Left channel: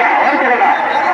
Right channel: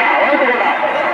வாழ்த்துக்கடா வாழ்த்துக்கடா